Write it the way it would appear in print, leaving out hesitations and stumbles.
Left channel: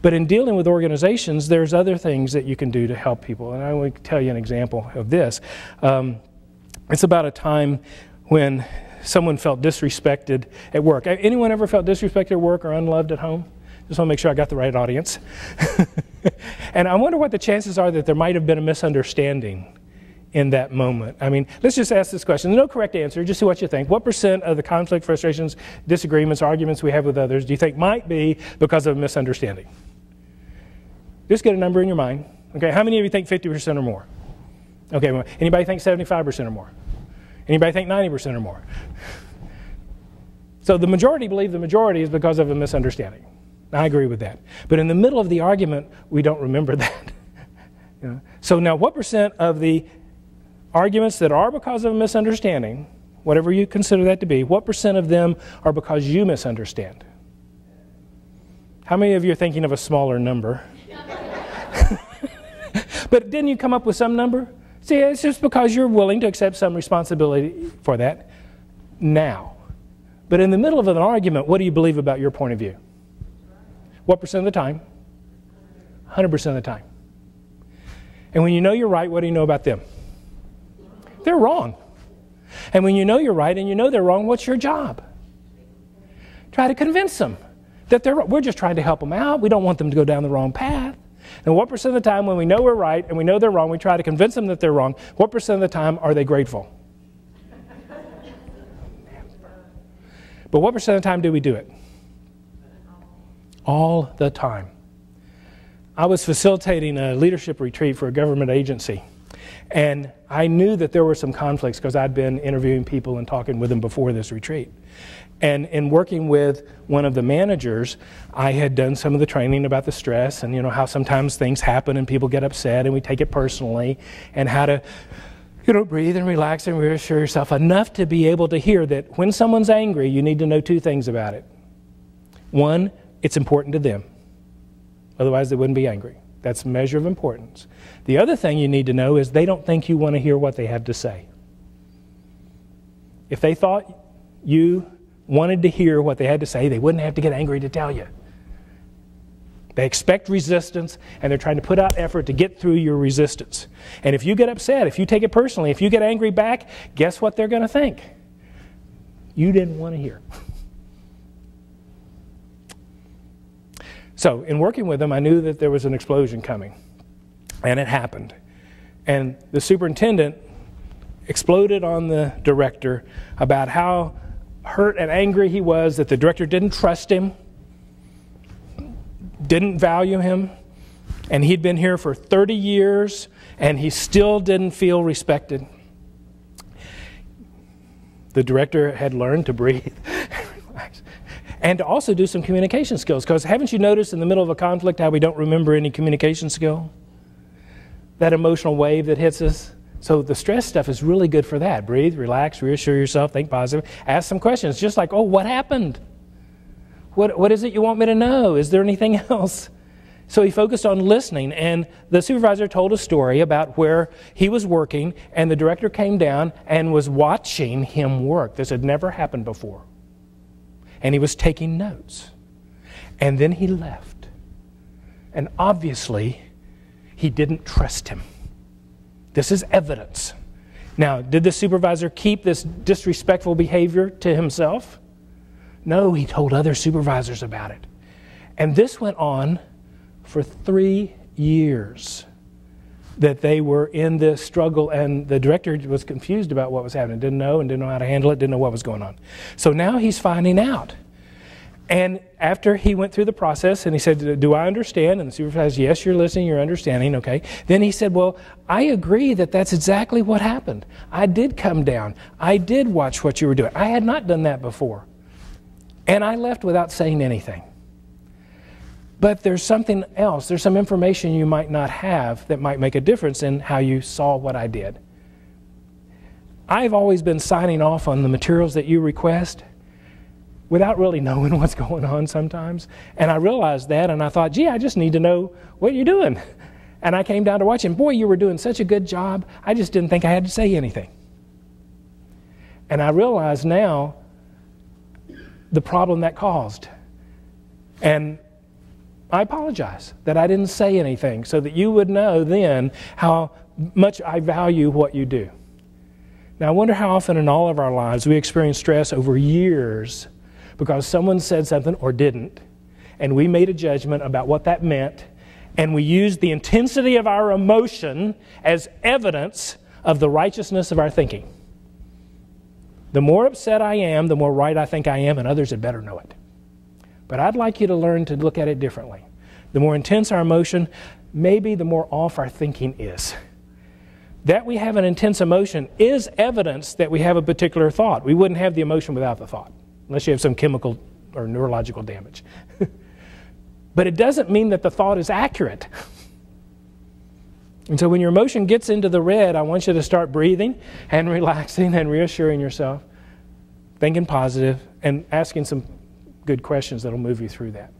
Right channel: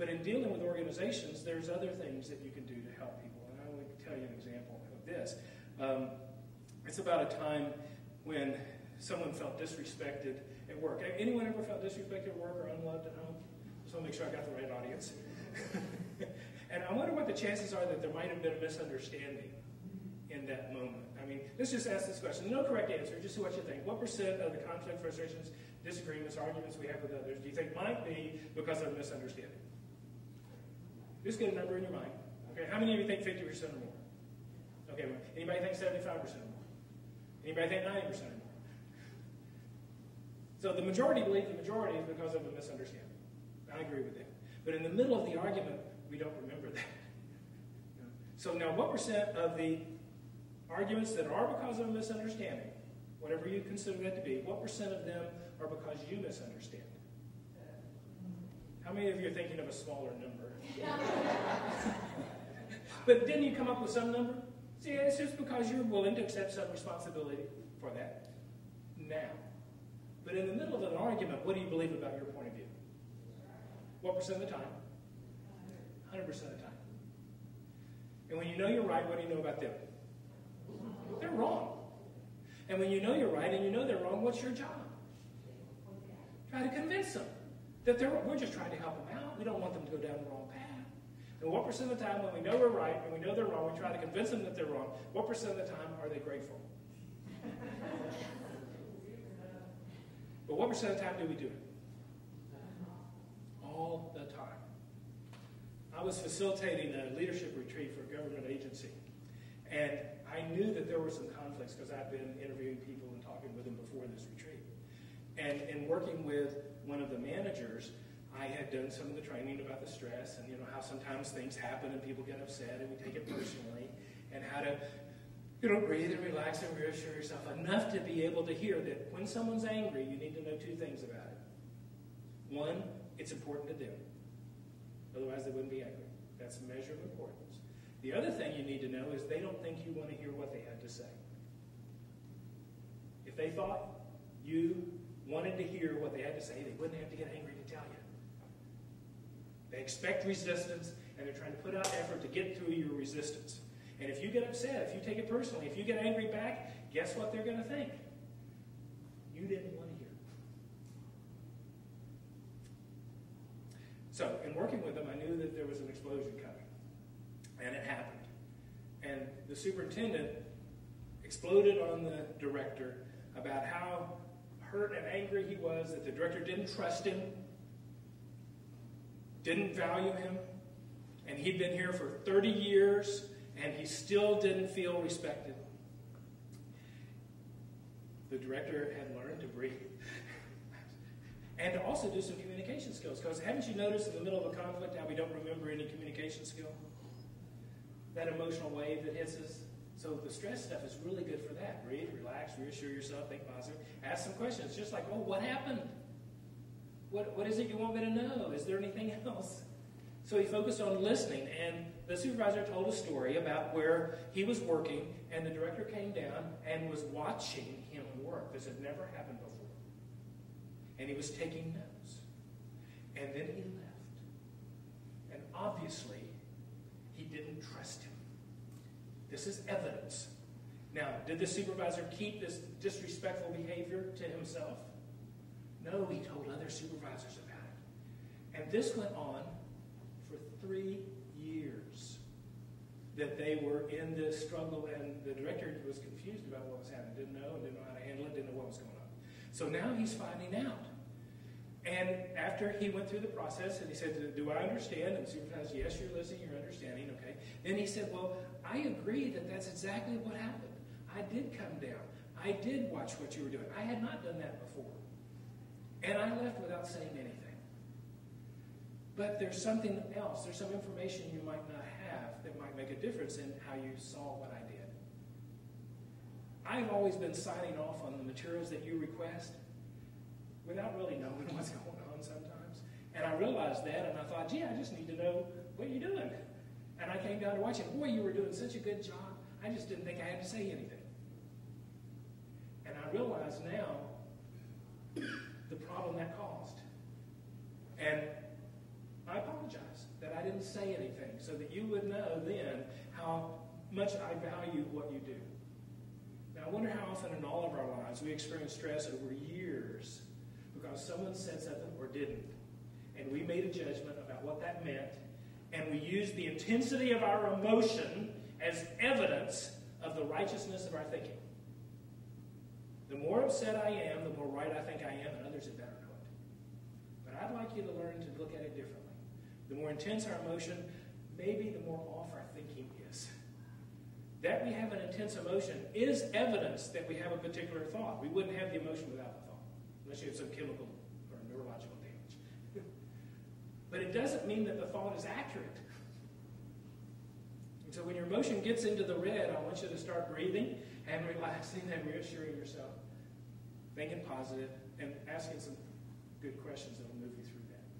But in dealing with organizations, there's other things that you can do to help people. And I will tell you an example of this. It's about a time when someone felt disrespected at work. Anyone ever felt disrespected at work or unloved at home? Just want to make sure I got the right audience. And I wonder what the chances are that there might have been a misunderstanding in that moment. I mean, let's just ask this question. There's no correct answer, just see what you think. What % of the conflict, frustrations, disagreements, arguments we have with others do you think might be because of a misunderstanding? Just get a number in your mind. Okay, how many of you think 50% or more? Okay, well, anybody think 75% or more? Anybody think 90% or more? So the majority believe the majority is because of a misunderstanding. I agree with that. But in the middle of the argument, we don't remember that. You know? So now what % of the arguments that are because of a misunderstanding, whatever you consider that to be, what % of them are because you misunderstand? How many of you are thinking of a smaller number? But didn't you come up with some number? See, it's just because you're willing to accept some responsibility for that now. But in the middle of an argument, what do you believe about your point of view? What % of the time? 100% of the time. And when you know you're right, what do you know about them? They're wrong. And when you know you're right and you know they're wrong, what's your job? Try to convince them that they're wrong. We're just trying to help them out. We don't want them to go down the wrong path. And what % of the time when we know we're right and we know they're wrong, we try to convince them that they're wrong, what % of the time are they grateful? But what % of the time do we do it? All the time. I was facilitating a leadership retreat for a government agency, and I knew that there were some conflicts because I'd been interviewing people and talking with them before this retreat. And in working with one of the managers, I had done some of the training about the stress and, you know, how sometimes things happen and people get upset and we take it personally, and how to, you know, breathe and relax and reassure yourself enough to be able to hear that when someone's angry, you need to know two things about it. One, it's important to them. Otherwise, they wouldn't be angry. That's a measure of importance. The other thing you need to know is they don't think you want to hear what they have to say. If they thought you wanted to hear what they had to say, they wouldn't have to get angry to tell you. They expect resistance, and they're trying to put out effort to get through your resistance. And if you get upset, if you take it personally, if you get angry back, guess what they're going to think? You didn't want to hear. So in working with them, I knew that there was an explosion coming, and it happened. And the superintendent exploded on the director about how hurt and angry he was that the director didn't trust him, didn't value him, and he'd been here for 30 years, and he still didn't feel respected. The director had learned to breathe and relax, and to also do some communication skills, because haven't you noticed in the middle of a conflict how we don't remember any communication skill? That emotional wave that hits us. So the stress stuff is really good for that. Breathe, relax, reassure yourself, think positive, ask some questions, just like, oh, what happened? What is it you want me to know? Is there anything else? So he focused on listening, and the supervisor told a story about where he was working, and the director came down and was watching him work. This had never happened before. And he was taking notes. And then he left. And obviously, he didn't trust him. This is evidence. Now, did the supervisor keep this disrespectful behavior to himself? No, he told other supervisors about it. And this went on for 3 years, that they were in this struggle, and the director was confused about what was happening, didn't know how to handle it, didn't know what was going on. So now he's finding out. And after he went through the process and he said, do I understand? And the supervisor said, yes, you're listening, you're understanding, okay. Then he said, well, I agree that that's exactly what happened. I did come down. I did watch what you were doing. I had not done that before. And I left without saying anything. But there's something else. There's some information you might not have that might make a difference in how you saw what I did. I've always been signing off on the materials that you request without really knowing what's going on sometimes. And I realized that, and I thought, gee, I just need to know what you're doing. And I came down to watch, and boy, you were doing such a good job, I just didn't think I had to say anything. And I realize now the problem that caused. And I apologize that I didn't say anything, so that you would know then how much I value what you do. Now, I wonder how often in all of our lives we experience stress over years because someone said something or didn't, and we made a judgment about what that meant, and we used the intensity of our emotion as evidence of the righteousness of our thinking. The more upset I am, the more right I think I am, and others had better know it. But I'd like you to learn to look at it differently. The more intense our emotion, maybe the more off our thinking is. That we have an intense emotion is evidence that we have a particular thought. We wouldn't have the emotion without the thought, unless you have some chemical or neurological damage. But it doesn't mean that the thought is accurate. And so when your emotion gets into the red, I want you to start breathing and relaxing and reassuring yourself, thinking positive, and asking some good questions that will move you through that.